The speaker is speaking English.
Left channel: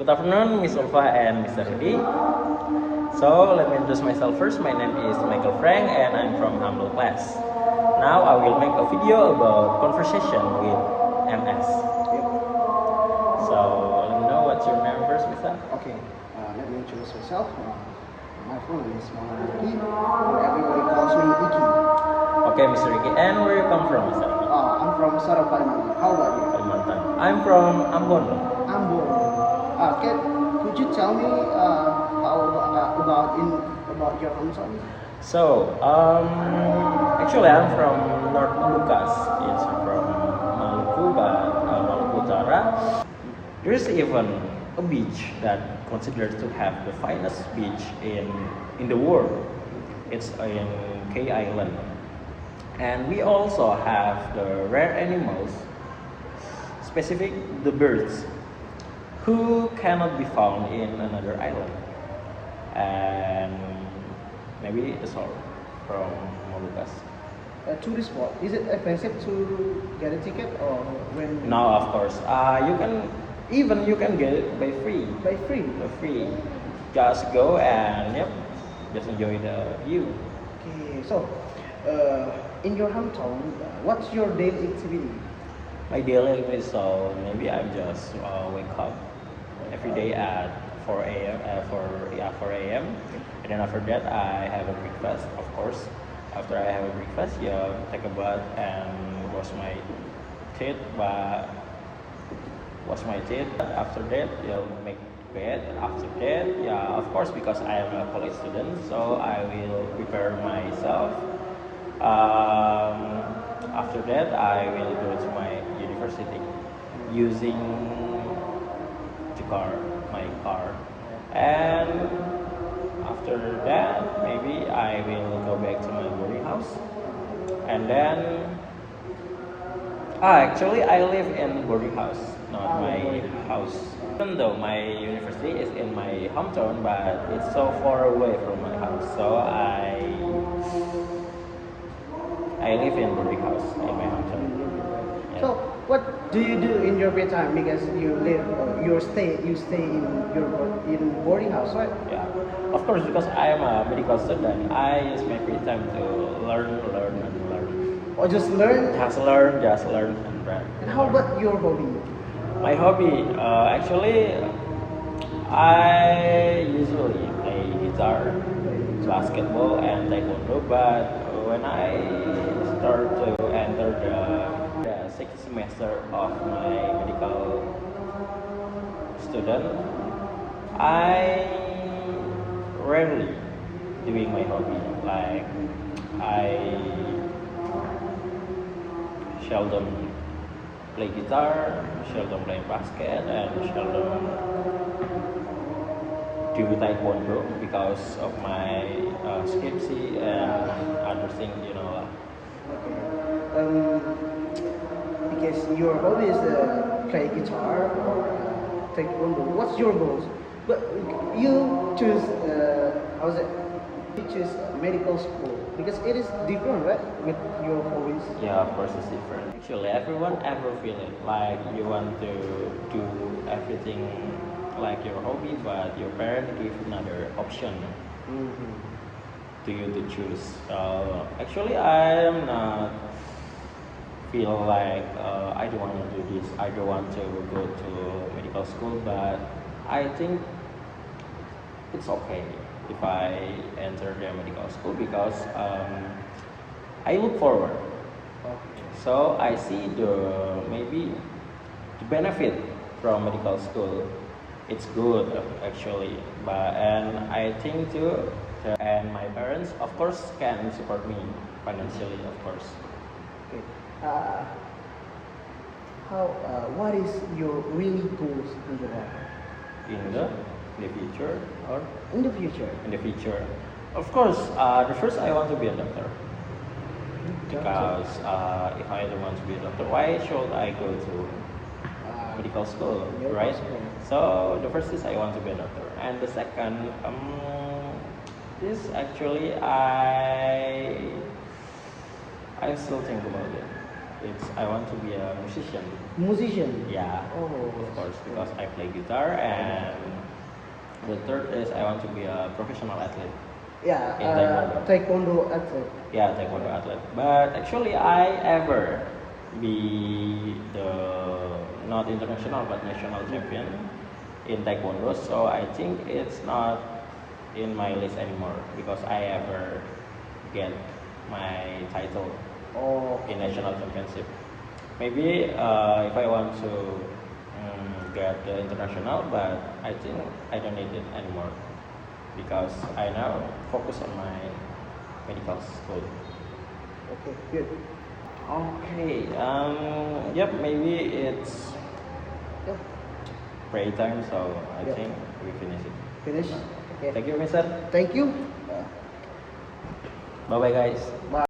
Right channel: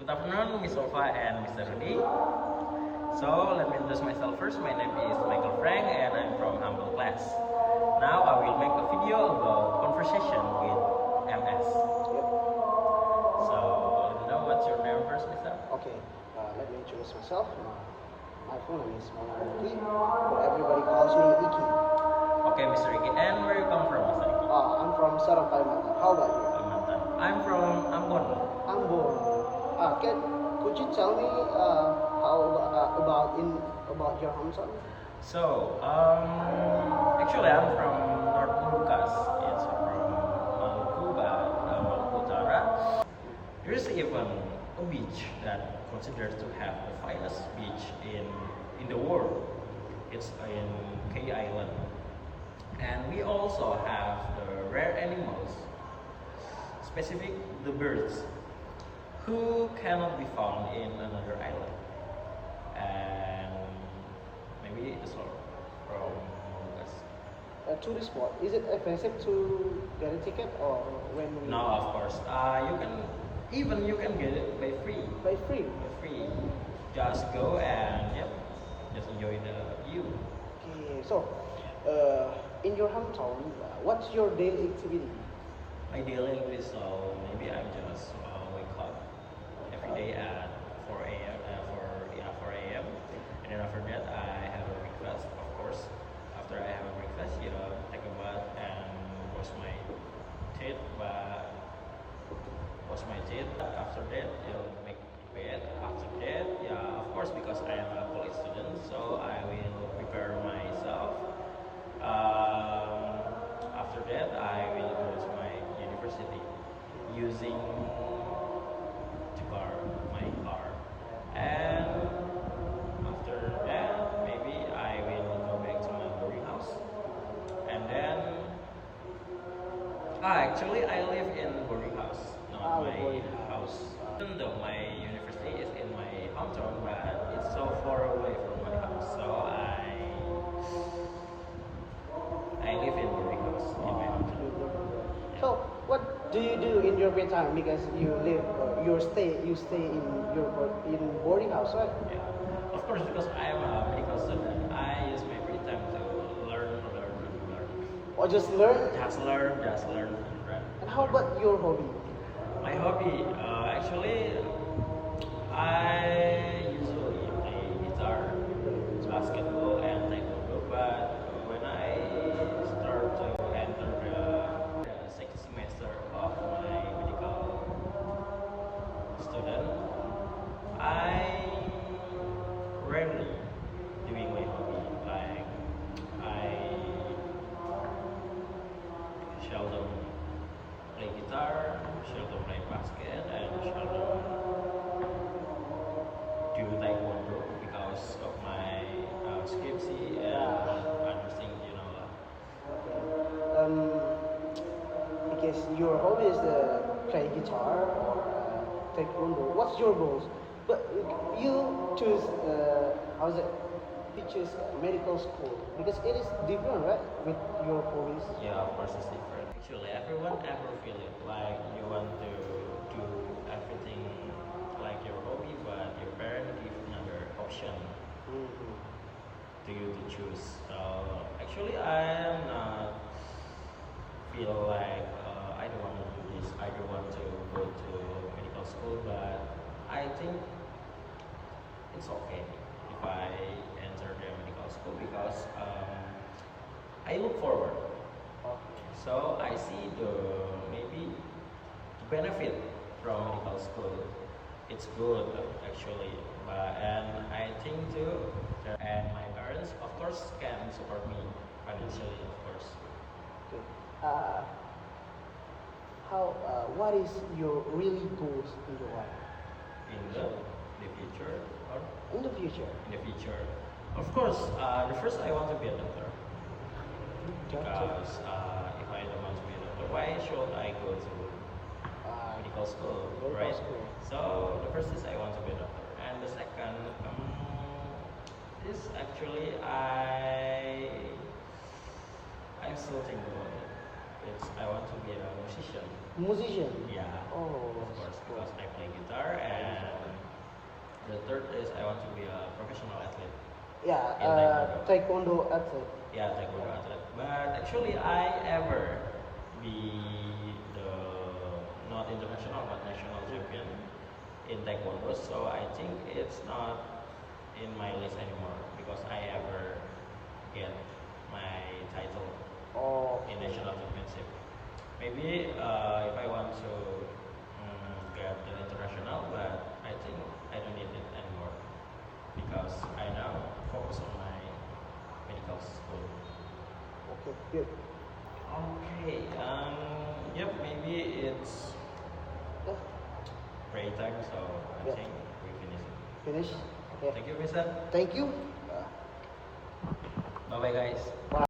Good afternoon, Miss Ulfa and Mr. Rudy. So, let me introduce myself first. My name is Michael Frank and I'm from humble class. Now, I will make a video about conversation with MS. So, let me know what's your name first, Mr. Okay, let me introduce myself. My full name is Muhammad Ricky, or everybody calls me Iki. Okay, Mr. Ricky. And where you come from, Mr. Ricky? I'm from Sorong, Kalimantan. How about you? Kalimantan. I'm from Ambon. Ambon. Could you tell me about your hometown? So, actually, I'm from North Malukas. Yes, I'm from Maluku, but Maluku Utara. There's even a beach that considered to have the finest beach in the world. It's in K Island, and we also have the rare animals, specific the birds, who cannot be found in another island. And maybe that's all from Molucas. A tourist spot. Is it expensive to get a ticket or when? No, of course. You can get it by free. By free. By free. Just go and just enjoy the view. Okay, so in your hometown, what's your daily activity? My daily life is so maybe I just wake up every day at 4 a.m. 4 a.m. And then after that I have a breakfast, of course. After I have a breakfast, take a bath and wash my teeth. After that, make bed. After that, of course, because I am a college student, so I will prepare myself. After that, I will go to my university using my car, and after that, maybe I will go back to my boarding house, and then actually I live in boarding house, not my house. Even though my university is in my hometown, but it's so far away from my house, so I live in boarding house in my hometown. So, what do you do in your free time? Because you stay in boarding house, right? Yeah, of course, because I am a medical student, I use my free time to learn. Or just learn? Just learn, right? And how about your hobby? My hobby, actually, I usually play guitar, basketball, and taekwondo. But when I start to enter the sixth semester of my medical student, I rarely doing my hobby. Like I seldom play guitar, seldom play basket, and seldom do taekwondo because of my skipsy and other things, Okay. Because your hobby is play guitar or taekwondo. What's your goals? But you choose how's it? You choose medical school because it is different, right? With your hobbies. Yeah, of course it's different. Actually, everyone ever feel it like you want to do everything like your hobby, but your parents give another option to you to choose. Actually, I am not feel like I don't want to do this. I don't want to go to medical school, but I think it's okay if I enter the medical school because I look forward. So I see maybe the benefit from medical school. It's good actually, and I think too. And my parents, of course, can support me financially, of course. Okay. What is your really goals in your life? In the future, or In the future. in the future, of course, the first I want to be a doctor. Because if I don't want to be a doctor, why should I go to medical school, right? School. So the first is I want to be a doctor, and the second is actually I still think about it. it's I want to be a musician. Musician. Yeah, Oh. of course, because I play guitar, and the third is I want to be a professional athlete. Yeah. In Taekwondo athlete. Yeah, taekwondo athlete. But actually, I ever be the not international but national champion in taekwondo. So I think it's not in my list anymore because I ever get my title Oh. in national championship. Maybe if I want to get the international, but I think I don't need it anymore because I now focus on my medical school. Okay. Good. Okay. Yep. Maybe it's Yeah. pray time, so I Yeah. think we finish it. Finish. Okay. Thank you, Mister. Thank you. Bye, bye, guys. Bye.